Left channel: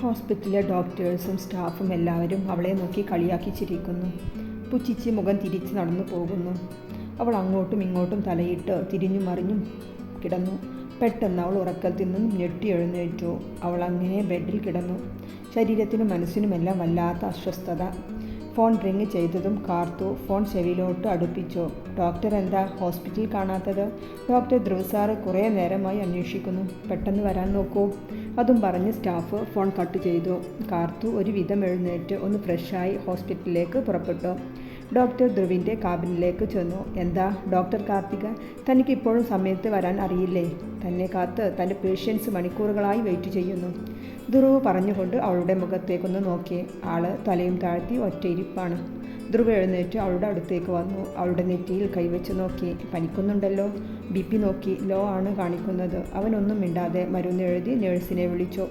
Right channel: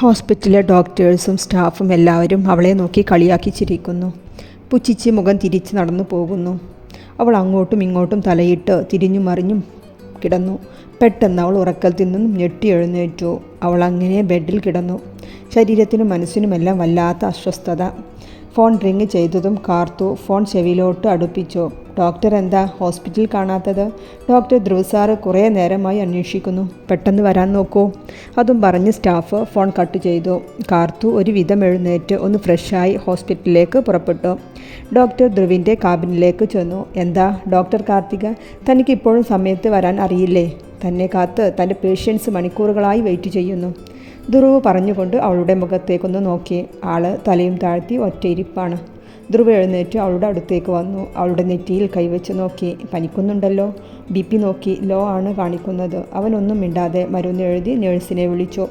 ഹോസ്പിറ്റലിലെ ഡോക്ടേഴ്സും സ്റ്റാഫും എല്ലാവരും അവളെ നോക്കി കളിയാക്കി ചിരിക്കുന്നു. പുച്ഛിച്ച് മുഖം തിരിച്ച് നടന്നു പോകുന്നു. അവൾ അങ്ങോട്ടും ഇങ്ങോട്ടും തലയിട്ട് തിരിഞ്ഞും മറിഞ്ഞും കിടന്നു. പെട്ടെന്ന് അവൾ ഉറക്കത്തിൽ നിന്നും ഞെട്ടി എഴുന്നേറ്റു. അവൾ അങ്ങനെ ബെഡിൽ കിടന്നു. ശരീരത്തിനും മനസ്സിനുമെല്ലാം വല്ലാത്ത അസ്വസ്ഥത. ഫോൺ റിങ് ചെയ്തതും കാർത്തു ഫോൺ ചെവിയിലോട്ട് അടുപ്പിച്ചു. ഡോക്ടർ എന്താ ഹോസ്പിറ്റലിൽ കാണാത്തത്? ഡോക്ടർ ധ്രുവ് സാറ് കുറേ നേരമായി അന്വേഷിക്കുന്നു. പെട്ടെന്ന് വരാൻ നോക്കൂ. അതും പറഞ്ഞ് സ്റ്റാഫ് ഫോൺ കട്ട് ചെയ്തു. കാർത്തു ഒരു വിധം എഴുന്നേറ്റ് ഒന്ന് ഫ്രഷായി ഹോസ്പിറ്റലിലേക്ക് പുറപ്പെട്ടു. ഡോക്ടർ ധ്രുവിൻ്റെ കാബിനിലേക്ക് ചെന്നു. എന്താ ഡോക്ടർ കാർത്തിക, തനിക്ക് ഇപ്പോഴും സമയത്ത് വരാൻ അറിയില്ലേ? തന്നെ കാത്ത് തൻ്റെ പേഷ്യൻസ് മണിക്കൂറുകളായി വെയിറ്റ് ചെയ്യുന്നു. ധ്രുവ് പറഞ്ഞുകൊണ്ട് അവളുടെ മുഖത്തേക്കൊന്ന് നോക്കി. ആള് തലയും താഴ്ത്തി ഒറ്റയിരിപ്പാണ്. ധ്രുവ് എഴുന്നേറ്റ് അവളുടെ അടുത്തേക്ക് വന്നു. അവളുടെ നെറ്റിയിൽ കൈവച്ച് നോക്കി. പനിക്കുന്നുണ്ടല്ലോ. BP നോക്കി ലോ ആണ് കാണിക്കുന്നത്. അവനൊന്നും മിണ്ടാതെ മരുന്ന് എഴുതി നേഴ്സിനെ വിളിച്ചു.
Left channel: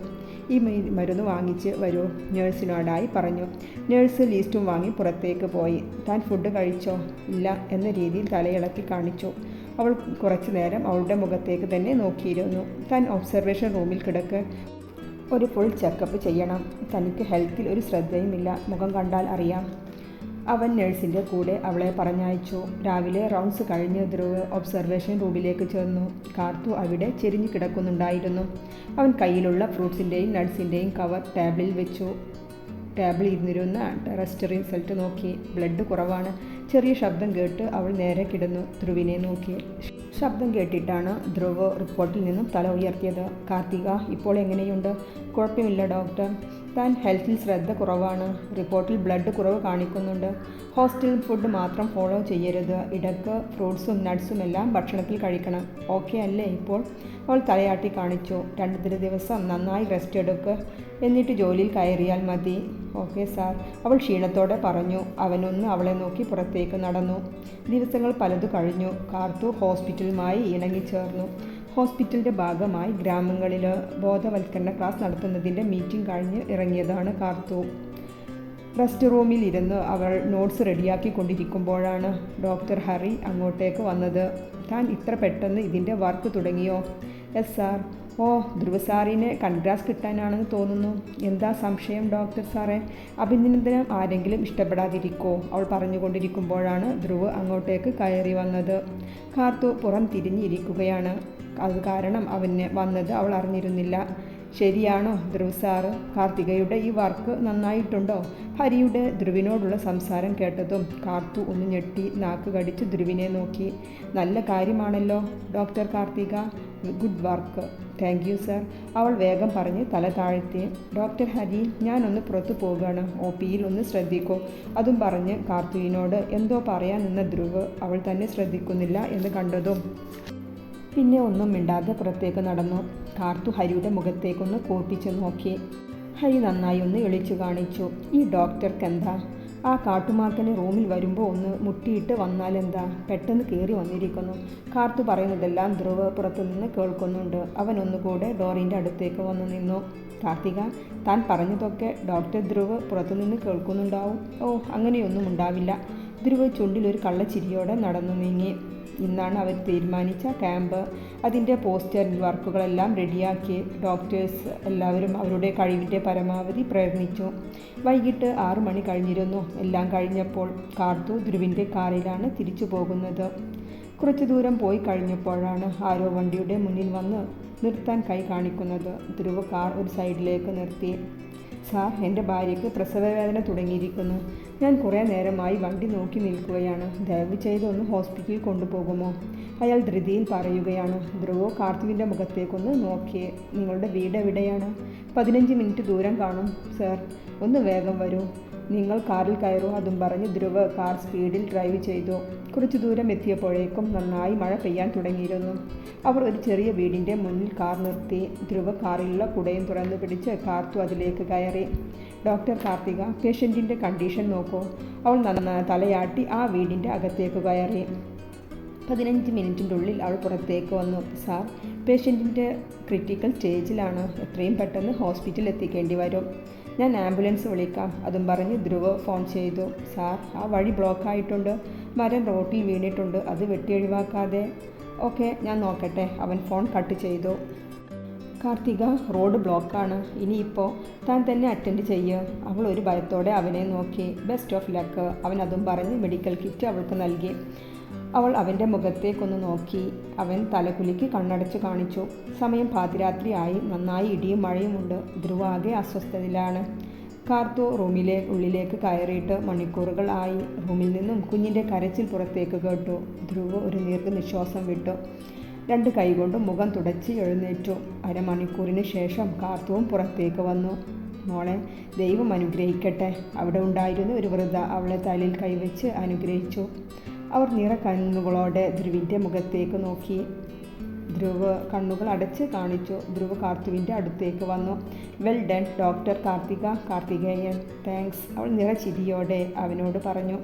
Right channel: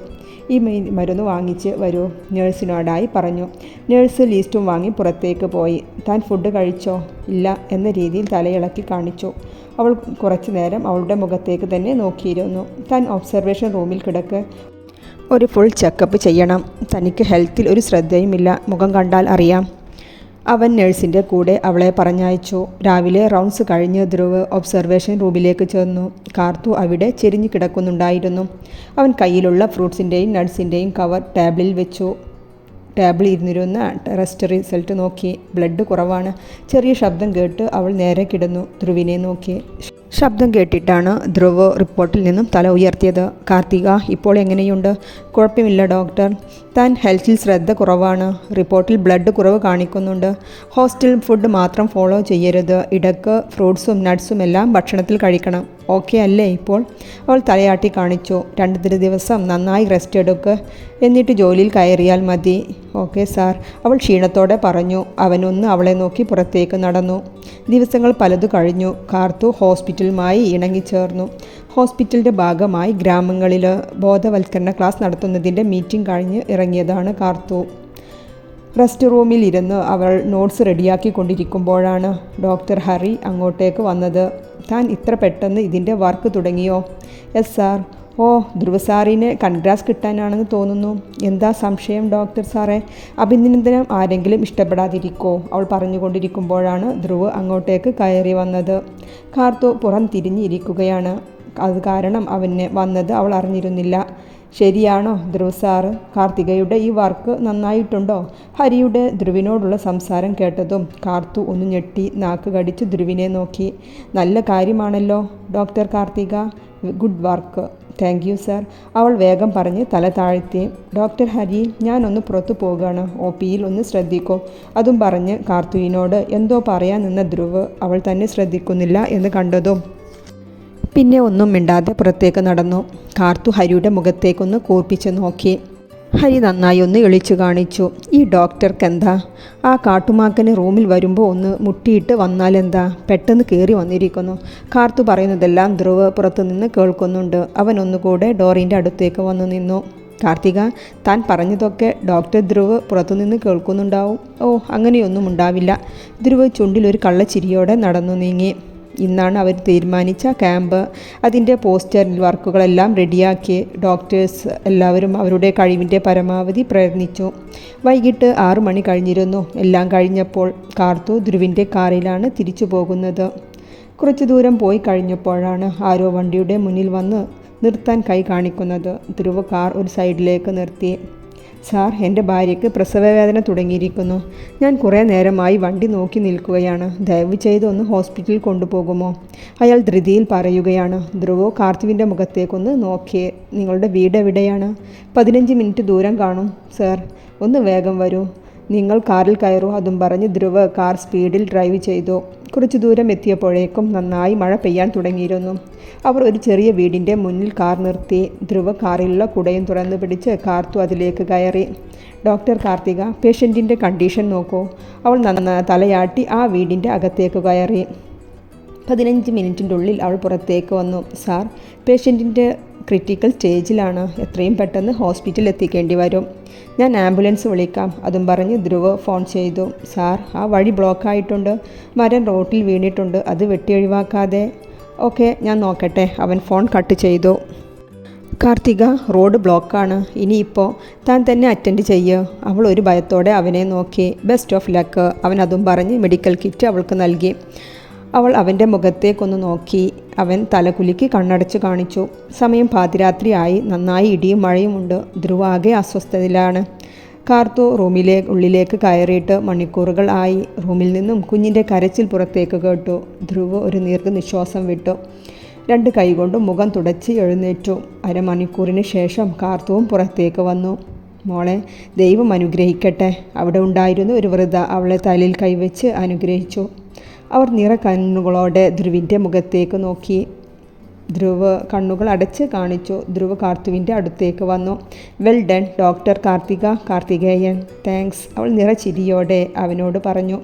ഈ മരുന്ന് വാങ്ങിച്ച് വരൂ, നേഴ്സിനോടായി പറഞ്ഞു. നേഴ്സ് ലിസ്റ്റും വാങ്ങി പുറത്തേക്ക് പോയി. താൻ ഫുഡ് കഴിച്ചോ? ഇല്ല എന്ന രീതിയിൽ തലയിളക്കി കാണിച്ചു. അവൾ കുറച്ചു നേരം അവളുടെ മുഖത്തേക്ക് തന്നെ നോക്കിയിരുന്നു. താൻ ഒബ്സർവേഷൻ റൂമിൽ കിടക്ക്. ഒരു ഫുൾ ചെക്കപ്പ് ചെയ്യണം. തനിക്ക് ഹെൽത്തിൽ ഒരു ശ്രദ്ധയുമില്ല. മുഖം കണ്ടാൽ അറിയാം. അവൻ നഴ്സിൻ്റെ കൂടെ അവളെ പറഞ്ഞയച്ചു. രാവിലെ റൗണ്ട്സ് കഴിഞ്ഞ് ധ്രുവ് ഒബ്സർവേഷൻ റൂമിലേക്ക് ചെന്നു. കാർത്തു അവിടെ ചെരിഞ്ഞു കിടക്കുന്നുണ്ടായിരുന്നു. അവൻ കയ്യിലുള്ള ഫ്രൂട്ട്സിൻ്റെയും നട്ട്സിൻ്റെയും കവർ ടേബിളിൽ വെച്ചു. ടേബിളിൽ ഇരുന്നിരുന്ന ടെസ്റ്റ് റിസൾട്ട് നോക്കി. ബ്ലഡ് കുറവാണ്. ചെറിയ ശബ്ദം കേട്ട് അവൾ നേരെ കിടന്നു ധ്രുവിനെ നോക്കി. ശബ്ദം കേട്ടിട്ടാണ് ധ്രുവ് റിപ്പോർട്ടിൽ നിന്നും തല ഉയർത്തിയത്. കാർത്തിക ഇപ്പോൾ എങ്ങനെയുണ്ട്? കുഴപ്പമില്ല ഡോക്ടർ. താൻ ഹെൽത്തിൽ ശ്രദ്ധ കുറവാണ്. റിപ്പോർട്ടിൽ ബ്ലഡ് കുറവ് കാണിക്കുന്നുണ്ട്. ഹോസ്റ്റൽ ഫുഡ് മാത്രം ഫോളോ ചെയ്യരുത്. ഇടയ്ക്ക് ഫ്രൂട്ട്സും നട്ട്സും എല്ലാം ഭക്ഷണത്തിൽ കഴിക്കണം. ഓക്കെ അല്ലേ ഇപ്പോൾ? അവൾ തലയാട്ടി കാണിച്ചു. 2 ദിവസം നന്നായി റെസ്റ്റ് എടുക്ക്, എന്നിട്ട് ജോലിയിൽ കയറിയാൽ മതി. ഓക്കെ സാർ, അവൾ ക്ഷീണത്തോടെ പറഞ്ഞു. അവനൊന്ന് അവളെ നോക്കി പുറത്തേക്ക് നടന്നു. ദിവസങ്ങൾ പലതു കഴിഞ്ഞു. കാർത്തു ഹോസ്പിറ്റലുമായി ഇണങ്ങിച്ചേർന്നു. ഹോസ്പിറ്റലിൻ്റെ ഭാഗമായി ഗ്രാമങ്ങളിൽ ബോധവൽക്കരണ ക്ലാസ് നടത്തുന്നതിൻ്റെ മീറ്റിംഗ് കഴിഞ്ഞ് ഇറങ്ങിയതാണ് കാർത്തു. റെസ്റ്റ് റൂമിൽ ഇരുന്ന് അവൾ നോട്ട്സ് റെഡിയാക്കിക്കൊണ്ടിരിക്കുമ്പോഴാണ് ഡോക്ടർ ഹരി അങ്ങോട്ടേക്ക് വന്നത്. താൻ ഇത്ര പെട്ടെന്ന് ഇതിൻ്റെ വർക്ക് തുടങ്ങിയോ? Yes sir. ഓ, ധ്രുവ് സാറിന് കൺഗ്രാസ് കിട്ടാനാണെന്ന് തോന്നുന്നു. എന്താ സംശയം ഡോക്ടർ സാറേ? അഭിനന്ദനം ആരെങ്കിലും ഇഷ്ടപ്പെടാതിരിക്കോ? അവൾ പറഞ്ഞുകൊണ്ടിരിക്കുമ്പോഴാണ് ധ്രുവ് അങ്ങോട്ടേക്ക് കയറി വന്നത്. കാർത്തു പുറം തിരിഞ്ഞിരിക്കുകയാണ്. അത് കാരണം അവന് വന്നത് അവൾ അറിഞ്ഞിരുന്നില്ല. ശരിയാണോ ധ്രുവ് സാറ്? കാർത്തികയുടെ ഈ വർക്ക് നന്നായിട്ടുണ്ടോ? ഹരിയുടെ ധ്രുവിനോടുള്ള സംസാരം കേട്ടതും കാർത്തു ഒന്ന് ഞെട്ടി നാക്ക് കടിച്ച് ധ്രുവിനെ നോക്കി. നല്ല കാര്യമാണല്ലോ doctor Karthika. Good work. Thank you sir. അവൾ വേഗം പറഞ്ഞ് തല താഴ്ത്തി. ഡോക്ടർ ഹരി, ഞാനൊന്ന് പുറത്തു പോകുകയാണ്. OPയിൽ ഒന്ന് ശ്രദ്ധിക്കൂ. അതും പറഞ്ഞ് കാർത്തുവിനോട് എന്തോ പറയാൻ നിന്ന ധ്രുവ് അവൾ തന്നെ ശ്രദ്ധിക്കുന്നില്ല എന്ന് കണ്ടതും പിന്നെ ഒന്നും മിണ്ടാതെ പുറത്തേക്ക് നടന്നു. കാർത്തു ഹരിയുടെ മുഖത്തേക്കൊന്ന് കൂർപ്പിച്ച് നോക്കി. ഹരി നന്നായി ഒന്ന് ഇളിച്ചു കാണിച്ചു. ഈ ഡോക്ടർക്ക് എന്താ? ആ കാട്ടുമാക്കന് റൂമിൽ വരുമ്പോൾ ഒന്ന് മുട്ടിയിട്ട് വന്നാലെന്താ? പെട്ടെന്ന് കയറി വന്നിരിക്കുന്നു. കാർത്തു പറയുന്നതെല്ലാം ധ്രുവ് പുറത്തുനിന്ന് കേൾക്കുന്നുണ്ട്. അവൻ ഒന്നുകൂടെ ഡോറിൻ്റെ അടുത്തേക്ക് വന്നു നിന്നു. കാർത്തിക, താൻ പറഞ്ഞതൊക്കെ ഡോക്ടർ ധ്രുവ് പുറത്തുനിന്ന് കേൾക്കുന്നുണ്ടാവും. ഓ, അങ്ങനെയൊന്നും ഉണ്ടാവില്ല. ധ്രുവ് ചുണ്ടിലൊരു കള്ളച്ചിരിയോടെ നടന്നു നീങ്ങി. ഇന്നാണ് അവർ തീരുമാനിച്ച ക്യാമ്പ്. അതിൻ്റെ പോസ്റ്റർ വർക്കുകളെല്ലാം റെഡിയാക്കി. ഡോക്ടേഴ്സ് എല്ലാവരും അവരുടെ കഴിവിൻ്റെ പരമാവധി പ്രയത്നിച്ചു. വൈകിട്ട് 6 മണി കഴിഞ്ഞിരുന്നു. എല്ലാം കഴിഞ്ഞപ്പോൾ കാർത്തു ധ്രുവിൻ്റെ കാറിലാണ് തിരിച്ചു പോകുന്നത്. കുറച്ചു ദൂരം പോയി കഴിഞ്ഞപ്പോഴാണ് ആരോ വണ്ടിയുടെ മുന്നിൽ വന്ന് നിർത്താൻ കൈ കാണിക്കുന്നത്. ധ്രുവ് കാർ ഒരു സൈഡിലേക്ക് നിർത്തി. സാർ, എൻ്റെ ഭാര്യയ്ക്ക് പ്രസവവേദന തുടങ്ങിയിരിക്കുന്നു. ഞാൻ കുറേ നേരമായി വണ്ടി നോക്കി നിൽക്കുകയാണ്. ദയവ് ചെയ്ത് ഒന്ന് ഹോസ്പിറ്റലിൽ കൊണ്ടുപോകുമോ? അയാൾ ധൃതിയിൽ പറയുകയാണ്. ധ്രുവ് കാർത്തുവിൻ്റെ മുഖത്തേക്കൊന്ന് നോക്കി. നിങ്ങളുടെ വീട് എവിടെയാണ്? 15 മിനിറ്റ് ദൂരം കാണും സാർ. ഒന്ന് വേഗം വരൂ. നിങ്ങൾ കാറിൽ കയറൂ. അതും പറഞ്ഞ് ധ്രുവ് കാർ സ്പീഡിൽ ഡ്രൈവ് ചെയ്തു. കുറച്ചു ദൂരം എത്തിയപ്പോഴേക്കും നന്നായി മഴ പെയ്യാൻ തുടങ്ങിയിരുന്നു. അവർ ഒരു ചെറിയ വീടിൻ്റെ മുന്നിൽ കാർ നിർത്തി. ധ്രുവ് കാറിലുള്ള കുടയും തുറന്നു പിടിച്ച് കാർത്തു അതിലേക്ക് കയറി. ഡോക്ടർ കാർത്തിക, പേഷ്യൻറ്റിൻ്റെ കണ്ടീഷൻ നോക്കൂ. അവൾ തലയാട്ടി ആ വീടിൻ്റെ അകത്തേക്ക് കയറി. 15 മിനിറ്റിൻ്റെ ഉള്ളിൽ അവൾ പുറത്തേക്ക് വന്നു. സാർ, പേഷ്യൻറ്റിൻ്റെ ക്രിട്ടിക്കൽ സ്റ്റേജിലാണ്. എത്രയും പെട്ടെന്ന് ഹോസ്പിറ്റലിൽ എത്തിക്കേണ്ടി വരും. ഞാൻ ആംബുലൻസ് വിളിക്കാം. അതും പറഞ്ഞ് ധ്രുവ് ഫോൺ ചെയ്തു. സാർ, ആ വഴി ബ്ലോക്കായിട്ടുണ്ട്. മരം റോട്ടിൽ വീണിട്ടുണ്ട്. അത് വെട്ടി ഒഴിവാക്കാതെ. ഓക്കെ, ഞാൻ നോക്കട്ടെ. അവൻ ഫോൺ കട്ട് ചെയ്തു. കാർത്തിക, റോഡ് ബ്ലോക്കാണ്, ഇനിയിപ്പോൾ താൻ തന്നെ അറ്റൻഡ് ചെയ്യുക. അവൾ ഒരു ഭയത്തോടെ അവനെ നോക്കി. ബെസ്റ്റ് ഓഫ് ലക്ക്, അവൻ അതും പറഞ്ഞ് മെഡിക്കൽ കിറ്റ് അവൾക്ക് നൽകി. അവൾ അവൻ്റെ മുഖത്തേക്കൊന്ന് നോക്കി. അവൻ തലകുലുക്കി കണ്ണടച്ച് കാണിച്ചു. സമയം പാതിരാത്രിയായി. നന്നായി ഇടിയും മഴയുമുണ്ട്. ധ്രുവ ആകെ അസ്വസ്ഥതയിലാണ്. കാർത്തു ഉള്ളിലേക്ക് കയറിയിട്ട് മണിക്കൂറുകൾ ആയി. റൂമിൽ നിന്നും കുഞ്ഞിൻ്റെ കരച്ചിൽ പുറത്തേക്ക് കേട്ടു. ധ്രുവ ഒരു ദീർഘനിശ്വാസം വിട്ടു. 2 കൈകൊണ്ടും മുഖം തുടച്ച് എഴുന്നേറ്റു. അരമണിക്കൂറിന് ശേഷം കാർത്തുവും പുറത്തേക്ക് വന്നു. മോളെ, ദൈവം അനുഗ്രഹിക്കട്ടെ. അവിടെ ഉണ്ടായിരുന്ന ഒരു വൃദ്ധ അവളെ തലയിൽ കൈവച്ച് അനുഗ്രഹിച്ചു. അവർ നിറകണ്ണുകളോടെ ധ്രുവിൻ്റെ മുഖത്തേക്ക് നോക്കി. ധ്രുവ് കണ്ണുകൾ അടച്ച് കാണിച്ചു. ധ്രുവ് കാർത്തുവിൻ്റെ അടുത്തേക്ക് വന്നു. Well done doctor Karthikeyan. Thanks, അവൾ നിറച്ചിരിയോടെ അവനോട് പറഞ്ഞു.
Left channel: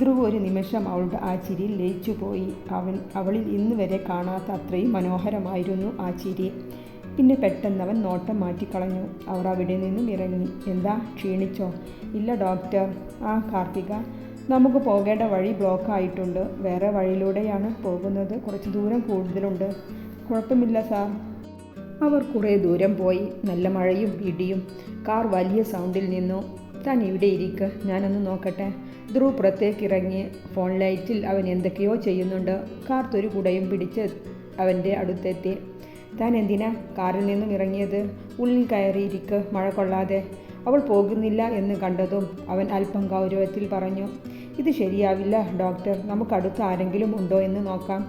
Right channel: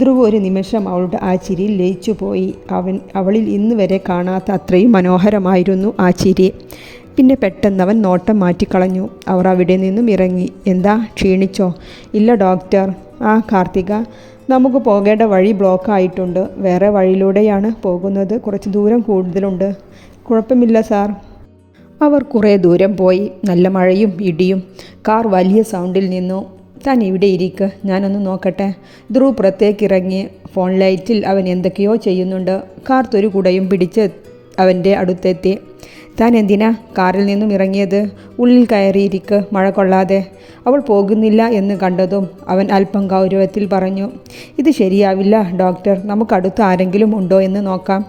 ധ്രുവ് ഒരു നിമിഷം അവളുടെ ആ ചിരിയിൽ ലയിച്ചു പോയി. അവളിൽ ഇന്ന് വരെ കാണാത്ത അത്രയും മനോഹരമായിരുന്നു ആ ചിരി. പിന്നെ പെട്ടെന്നവൻ നോട്ടം മാറ്റിക്കളഞ്ഞു. അവർ അവിടെ നിന്നും ഇറങ്ങി. എന്താ, ക്ഷീണിച്ചോ? ഇല്ല ഡോക്ടർ. ആ കാർത്തിക, നമുക്ക് പോകേണ്ട വഴി ബ്ലോക്കായിട്ടുണ്ട്. വേറെ വഴിയിലൂടെയാണ് പോകുന്നത്. കുറച്ച് ദൂരം കൂടുതലുണ്ട്. കുഴപ്പമില്ല സാർ. അവർ കുറേ ദൂരം പോയി. നല്ല മഴയും ഇടിയും. കാർ വലിയ സൗണ്ടിൽ നിന്നു. താൻ ഇവിടെ ഇരിക്ക്, ഞാനൊന്ന് നോക്കട്ടെ. ധ്രുവ് പുറത്തേക്കിറങ്ങി. ഫോൺ ലൈറ്റിൽ അവൻ എന്തൊക്കെയോ ചെയ്യുന്നുണ്ട്. കാർത്തൊരു കുടയും പിടിച്ച് അവൻ്റെ അടുത്തെത്തി. താൻ എന്തിനാ കാറിൽ നിന്നും ഇറങ്ങിയത്? ഉള്ളിൽ കയറിയിരിക്ക്, മഴ കൊള്ളാതെ. അവൾ പോകുന്നില്ല എന്ന് കണ്ടതും അവൻ അല്പം ഗൗരവത്തിൽ പറഞ്ഞു. ഇത് ശരിയാവില്ല ഡോക്ടർ, നമുക്കടുത്ത് ആരെങ്കിലും ഉണ്ടോ എന്ന് നോക്കാം.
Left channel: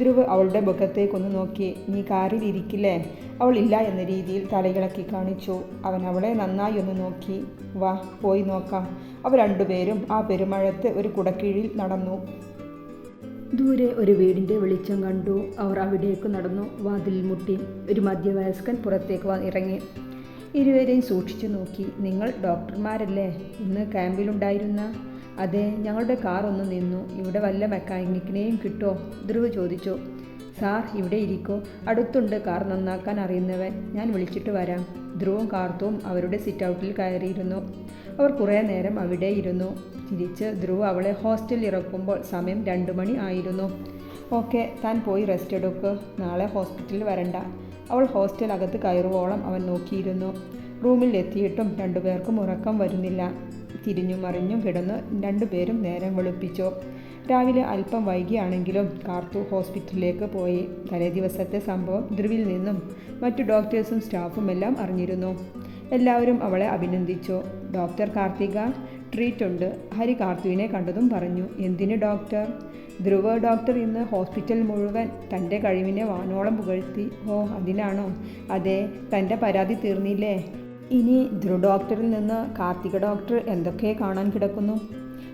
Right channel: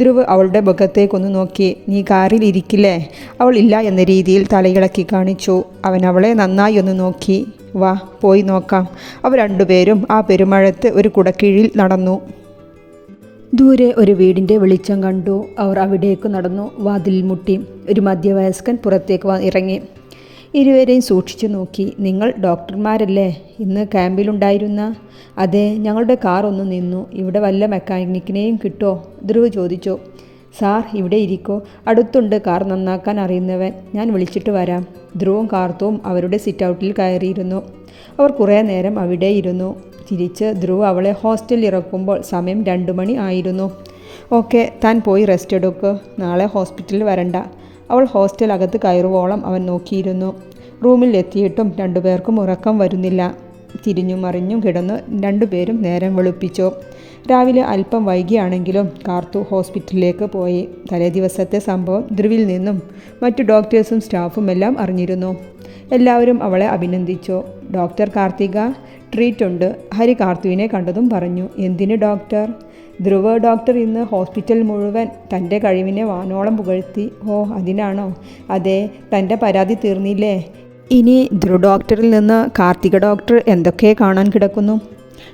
ധ്രുവ് അവളുടെ മുഖത്തേക്കൊന്ന് നോക്കി. നീ കാറിൽ ഇരിക്കില്ലേ? അവൾ ഇല്ല എന്ന രീതിയിൽ തലയിളക്കി കാണിച്ചു. അവൻ അവളെ നന്നായി ഒന്ന് നോക്കി. വാ, പോയി നോക്കാം. അവർ രണ്ടുപേരും ആ പെരുമഴത്ത് ഒരു കുടക്കീഴിൽ നടന്നു. ദൂരെ ഒരു വീടിൻ്റെ വെളിച്ചം കണ്ടു. അവർ അവിടേക്ക് നടന്നു. വാതിലിൽ മുട്ടി. ഒരു മധ്യവയസ്കൻ പുറത്തേക്ക് ഇറങ്ങി. ഇരുവരെയും സൂക്ഷിച്ചു നോക്കി. നിങ്ങൾ ഡോക്ടർമാരല്ലേ ഇന്ന് ക്യാമ്പിലുണ്ടായിരുന്ന? അതെ, ഞങ്ങളുടെ കാർ ഒന്ന് നിന്നു. ഇവിടെ വല്ല മെക്കാനിക്കിനെയും കിട്ടുമോ? ധ്രുവ് ചോദിച്ചു. സാർ, ഇവിടെ ഇരിക്കോ, അടുത്തുണ്ട് കാർ നന്നാക്കാൻ അറിയുന്നവൻ. ഞാൻ വിളിച്ചിട്ട് വരാം. ധ്രുവും കാർത്തുവും അവരുടെ സിറ്റൗട്ടിൽ കയറിയിരുന്നു. അവർ കുറേ നേരം അവിടെ ഇരുന്നു. തിരിച്ച് ധ്രുവ് അവളെ ഹോസ്റ്റലിൽ ഇറക്കുമ്പോൾ സമയം 2 മണി ആയിരുന്നു. ഓക്കെ, താൻ പോയി റെസ്റ്റ് എടുക്ക്, നാളെ ഹോസ്പിറ്റലിൽ വരണ്ട. അവൾ ഹോസ്റ്റൽ അകത്ത് കയറുവോളം അവൻ നോക്കിയിരുന്നു. റൂമിൽ എത്തിയിട്ടും 2 പേർക്കും ഉറക്കം വരുന്നില്ല. തിരിഞ്ഞും മറിഞ്ഞും കിടന്ന് 2 പേരും നേരം വെളുപ്പിച്ചു. രാവിലെ അല്പം വൈകിയാണെങ്കിലും കാർത്തു ഹോസ്പിറ്റലിലേക്ക് പോയി. തലേ ദിവസത്തെ സംഭവം ധ്രുവിൽ നിന്നും മറ്റു ഡോക്ടേഴ്സും സ്റ്റാഫും എല്ലാം അറിഞ്ഞിരുന്നു. എല്ലാവരും അവളെ അഭിനന്ദിച്ചു. ഡോക്ടർ കാർത്തിക, ട്രീറ്റ് ഉണ്ട്. ഹരി കാർത്തുവിനെ കണ്ടതും പറഞ്ഞു. എന്തിന് ഡോക്ടർ? ധ്രുവ് ഡോക്ടർ ഇന്ന് ഹോസ്പിറ്റൽ മുഴുവൻ തൻ്റെ കഴിവിനെ വാനോളം പുകഴ്ത്തി. ഓ, അതിനാണോ? അതെ, തൻ്റെ പരാതി തീർന്നില്ലേ? ഇനി ധ്രുവ് ഡോക്ടറിൽ നിന്ന് കാർത്തിക ഡോക്ടർ എന്തൊക്കെ കാണാൻ കിടക്കുന്നു?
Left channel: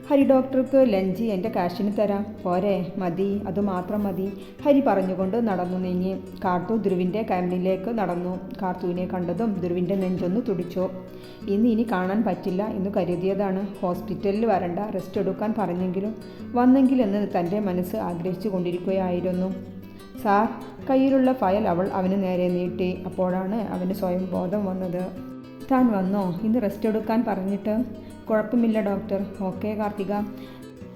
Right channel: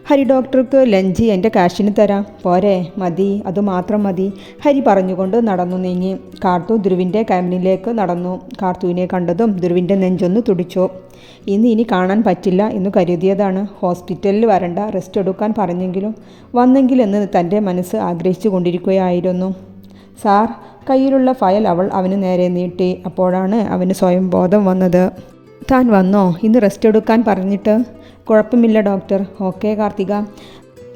ഹരി ഡോക്ടർക്ക് ലഞ്ച് എൻ്റെ കാശിന് തരാം. പോരെ? മതി, അതുമാത്രം മതി. ഹരി പറഞ്ഞുകൊണ്ട് നടന്നു നീങ്ങി. കാർത്തു ധ്രുവിൻ്റെ ക്യാബിനിലേക്ക് നടന്നു. കാർത്തുവിനെ കണ്ടതും ധ്രുവിൻ്റെ നെഞ്ചൊന്ന് തുടിച്ചു. ഇനി കാണാൻ പറ്റില്ല എന്ന് കരുതിയതാണ്. ഹോസ്പിറ്റലിൽ വരണ്ട, റെസ്റ്റ് എടുക്കാൻ പറഞ്ഞെങ്കിലും വന്നെങ്കിലെന്ന് തൻ്റെ മനസ്സ് ആഗ്രഹിച്ചു കൊണ്ടിരിക്കുകയായിരുന്നു. സാർ, കയ്യിലുള്ള ഫയൽ അവൾ അവന് നേരെ നീട്ടി. അപ്പോഴാണ് അവന് സ്വയം ബോധം വന്നത്. താൻ വന്നോ? ഇന്ന് റെസ്റ്റ് എടുക്കാൻ പറഞ്ഞിട്ട്? കുഴപ്പമില്ല ഡോക്ടർ. ഓക്കെ കാർത്തിക,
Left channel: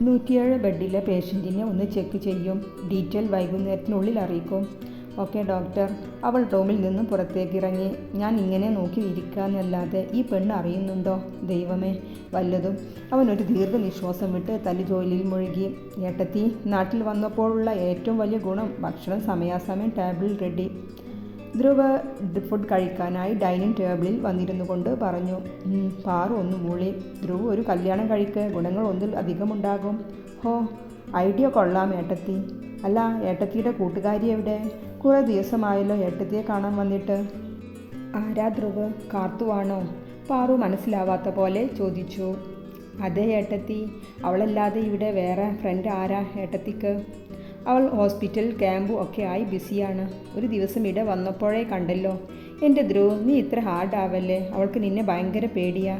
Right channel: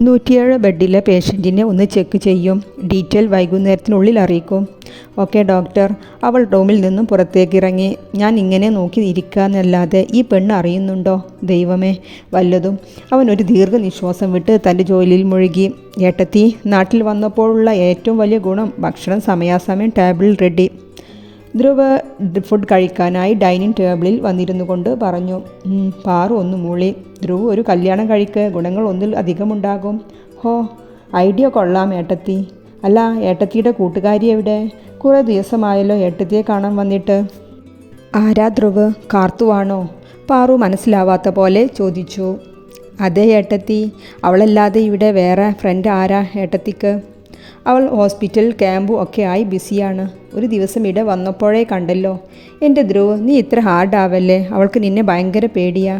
107 ബെഡിലെ പേഷ്യൻറ്റിനെ ഒന്ന് ചെക്ക് ചെയ്യും. ഡീറ്റെയിൽ വൈകുന്നേരത്തിനുള്ളിൽ അറിയിക്കും. Okay doctor. അവൾ റൂമിൽ നിന്നും പുറത്തേക്കിറങ്ങി. ഞാൻ ഇങ്ങനെ നോക്കി ഇരിക്കാന്നല്ലാതെ ഈ പെണ്ണ് അറിയുന്നുണ്ടോ? ദൈവമേ, വല്ലതും. അവൻ ഒരു ദീർഘനിശ്വാസം വിട്ട് തൻ്റെ ജോലിയിൽ മുഴുകി. ഏട്ടത്തി, നാട്ടിൽ വന്നപ്പോഴുള്ള ഏറ്റവും വലിയ ഗുണം ഭക്ഷണം സമയാസമയം ടേബിളിൽ റെഡി. ധ്രുവ് ഫുഡ് കഴിക്കാനായി ഡൈനിങ് ടേബിളിൽ വന്നിരുന്നു കൊണ്ട് പറഞ്ഞു. പാറു ഒന്ന് മൂളി. ധ്രുവ്, ഒരു കല്യാണം കഴിക്ക്, ഗുണങ്ങൾ ഒന്നിൽ അധികമുണ്ടാകും. ഹോ, ഐഡിയ കൊള്ളാം ഏട്ടത്തി. അല്ല, ഏട്ടത്തിയുടെ കൂട്ടുകാരി എവിടെ? കുറേ ദിവസമായല്ലോ ഏട്ടത്തിയെ കാണാൻ വന്നിട്ട്. ആരാ ധ്രുവ്? കാർത്തുവാണോ? പാറു മനസ്സിലാവാത്ത പോലെ ചോദിച്ചു. അതെ ഏട്ടത്തി, അവളല്ലാതെ ഇവിടെ വേറെ ഫ്രണ്ട് ആരാ ഏട്ടത്തിക്ക്? അവൾ ഹോസ്പിറ്റൽ ക്യാമ്പും ഒക്കെ ആയി ബിസിയാണ്. ഒരു ദിവസം ഇവിടെ വന്നപ്പോഴേ കണ്ടല്ലോ. എൻ്റെ ധ്രുവ്, നീ ഇത്ര ഹാർഡാവല്ലേ, അവൾക്ക് നിന്നെ ഭയങ്കര പേടിയാ.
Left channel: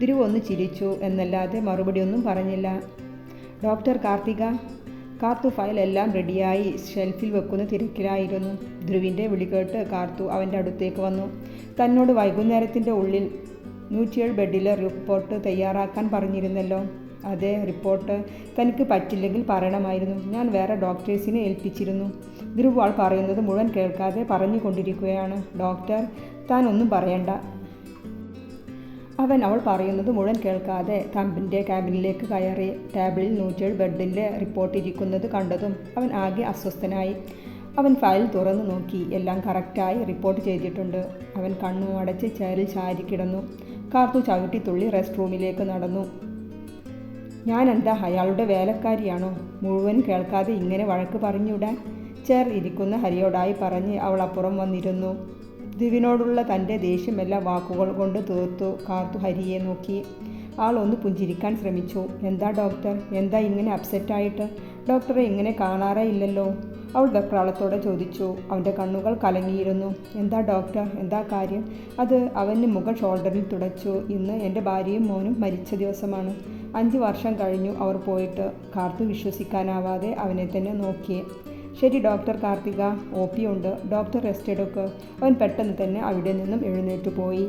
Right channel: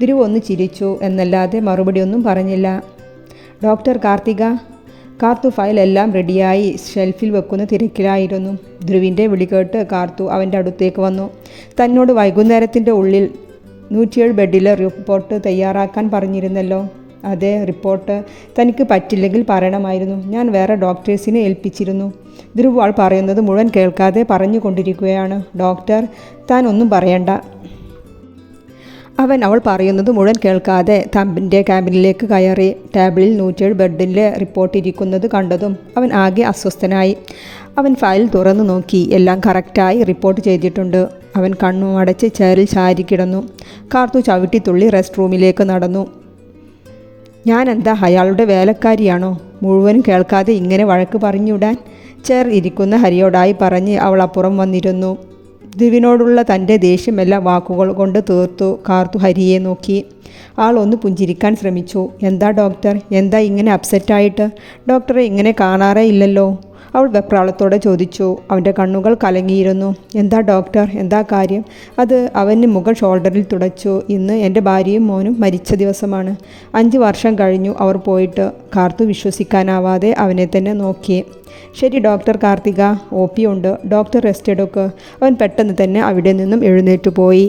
ധ്രുവ് ഒന്ന് ചിരിച്ചു എന്നല്ലാതെ മറുപടിയൊന്നും പറഞ്ഞില്ല. ഡോക്ടർ കാർത്തിക. കാർത്തു ഫയലെല്ലാം റെഡിയായി ഷെൽഫിൽ വെക്കുന്ന തിരക്കിലായിരുന്നു. ധ്രുവിൻ്റെ വിളി കേട്ട് കാർത്തു അവൻ്റെ അടുത്തേക്ക് വന്നു. തന്നോട് വൈകുന്നേരത്തിൻ്റെ ഉള്ളിൽ 107 ബെഡിലെ റിപ്പോർട്ട് തയ്യാറാക്കാൻ പറഞ്ഞിരുന്നല്ലോ. അതെ, റിപ്പോർട്ട് തനിക്ക് പറ്റില്ലെങ്കിൽ പറയണമായിരുന്നു. ഞാൻ വേറെ ഡോക്ടേഴ്സിനെ ഏൽപ്പിച്ചിരുന്നു. ധ്രുവ് ആൾ പറയുന്നത് മുഴുവൻ കേൾക്കാതെ പറഞ്ഞുകൊണ്ടിരിക്കുകയാണ്. ഡോക്ടർ, താൻ ഒന്നും പറയണ്ട. അവൾ പറയുന്നത് മുഴുവൻ കേൾക്കാതെ തമ്പിൻ്റെ ക്യാബിനിലേക്ക് കയറി. ടേബിളിൽ 107 ബെഡിലെ റിപ്പോർട്ട് ഇരിക്കുന്നത് കണ്ടതും അവൻ ആകെ അസ്വസ്ഥനായി. അവൻ ഫയൽ തുറന്നു നോക്കി. എല്ലാം കറക്റ്റായി റിപ്പോർട്ട് ചെയ്തിട്ടുണ്ട്. അവൻ കണ്ണു അടച്ച് ചെയറിൽ ചാരി കിടന്നു. കാർത്തു ചവിട്ടിത്തുള്ളി റെസ്റ്റ് റൂമിലേക്ക് നടന്നു. ഞാൻ എന്താ അയാളുടെ വേലക്കാരിയാണോ? മുഴുവനും കേൾക്കാതെ ഇങ്ങനെ വഴക്ക് പറഞ്ഞുവിടാൻ? ചെയർ ഇരിക്കുന്ന ഹരിയോടായി പറഞ്ഞ് അവൾ അപ്പുറം വന്നിരുന്നു. ധ്രുവിനോടുള്ള തൻ്റെ ദേഷ്യമെല്ലാം വാക്കുകൾ കൊണ്ട് തീർത്തു. കാർത്തു ഹരിയെ നോക്കി. ആൾ ഒന്ന് പുഞ്ചിരിക്കാൻ ശ്രമിച്ചു. എന്താ ഡോക്ടർ, എന്താ ഇങ്ങനെ അപ്സെറ്റായിട്ട്? ഡോക്ടറെ ഇങ്ങനെ കാണാറേ ഇല്ലല്ലോ, അവൾ വെപ്രാളത്തോടെ ചോദിച്ചു. അവൻ്റെ കണ്ണുകൾ കലങ്ങിയിരുന്നു. എന്താ ഡോക്ടർ, എന്താ കാര്യം? അത് അവന് മുകൾ ഷോൾഡറിൽ തുടച്ചു. ഇന്ന് എൻ്റെ ഭാര്യയും മോനും മരിച്ച ദിവസമാണ്. 5 വർഷം കഴിഞ്ഞു അവർ പോയിട്ട്. കാർത്തു വിശ്വസിക്കാനാവാതെ അവനെ തന്നെ നോക്കി. ശരി ഡോക്ടർ കാർത്തിക, OP ഉണ്ട്. ഡോക്ടർ റെസ്റ്റ് എടുക്ക്. അവൻ പെട്ടെന്ന് തന്നെ അവിടെ നിന്നും എഴുന്നേറ്റ് പോയി.